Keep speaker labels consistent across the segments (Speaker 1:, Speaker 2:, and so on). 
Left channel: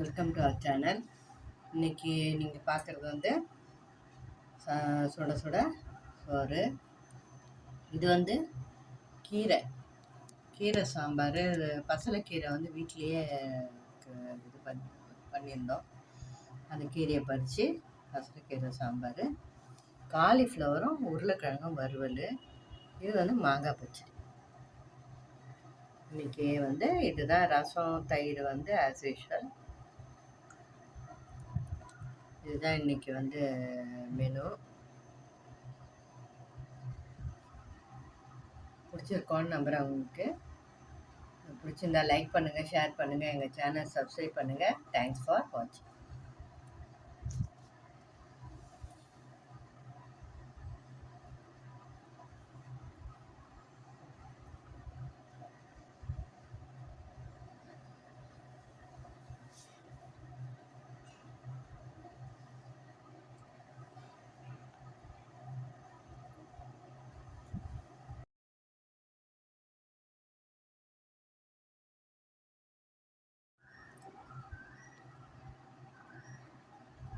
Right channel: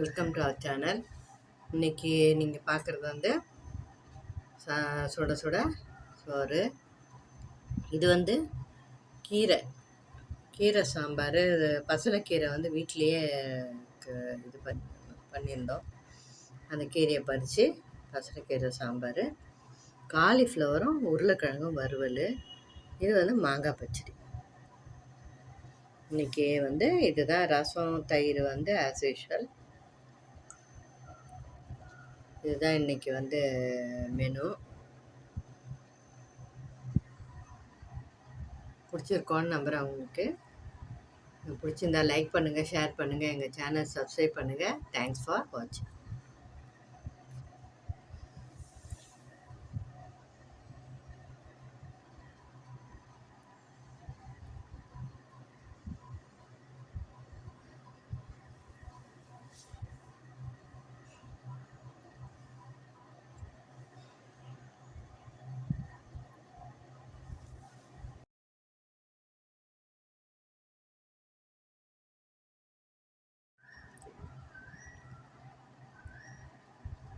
Speaker 1: Welcome to our channel இன்றைக்கி நீங்கள் பார்க்குறது வந்து சா சுட சுட சோறு. இது வந்து கீரை. கீரை சாம்பார் பசலைக்கீரை வந்து வீட்டிலையே க- இது பண்ணி பண்ணியிருந்தோம். அந்த கீரையை பறித்து பசலைக்கீரை சாம்பார் காலிஃப்ளவரும் உருளைக்கிழங்கும் வறுவல் இது வந்து மாங்காய் பச்சடி. இன்றைக்கி வந்து இதுதான் ரசம் தயிர் வந்து ஆஸ் யூஷுவல் இதுதான் இன்னைக்கு வந்து மெனு பிடிச்சிருக்கோன்னு நம்புகிறேன் உங்களுக்கு. பிடிச்சிருந்தா லைக் பண்ணுங்கள் ஷேர் பண்ணுங்கள் எங்கள் சேனல் சப்ஸ்கிரைப் பண்ணுங்கள் தேங்க்ஸ் ஃபார் வாட்சிங்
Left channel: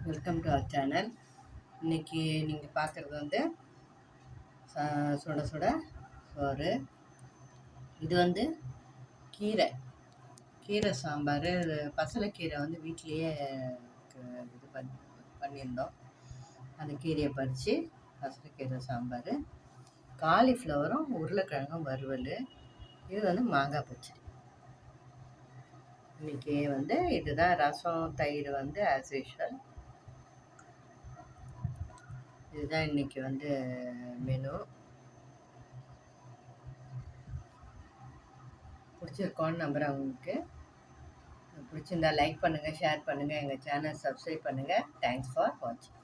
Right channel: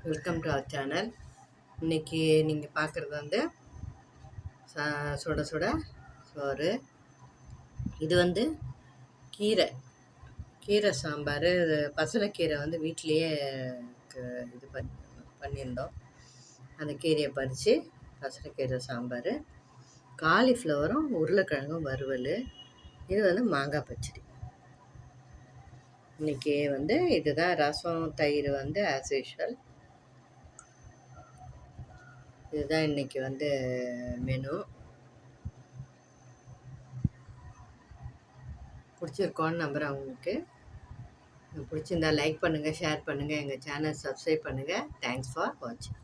Speaker 1: வெல்கம் டு அவர் சேனல் இன்றைக்கி நீங்கள் பார்க்குறது வந்து சா சுட சுட சோறு. இது வந்து கீரை. கீரை சாம்பார் பசலைக்கீரை வந்து வீட்டிலையே க- இது பண்ணி பண்ணியிருந்தோம். அந்த கீரையை பறித்து பசலைக்கீரை சாம்பார். காலிஃப்ளவரும் உருளைக்கிழங்கும் வறுவல். இது வந்து மாங்காய் பச்சடி. இன்றைக்கி வந்து இதுதான் ரசம் தயிர் வந்து ஆஸ் யூஷுவல் இதுதான் இன்றைக்கி வந்து மெனு பிடிச்சிருக்கோன்னு நம்புகிறேன் உங்களுக்கு. பிடிச்சிருந்தா லைக் பண்ணுங்கள் ஷேர் பண்ணுங்கள் எங்கள் சேனல் சப்ஸ்கிரைப் பண்ணுங்கள் தேங்க்ஸ் ஃபார் வாட்சிங்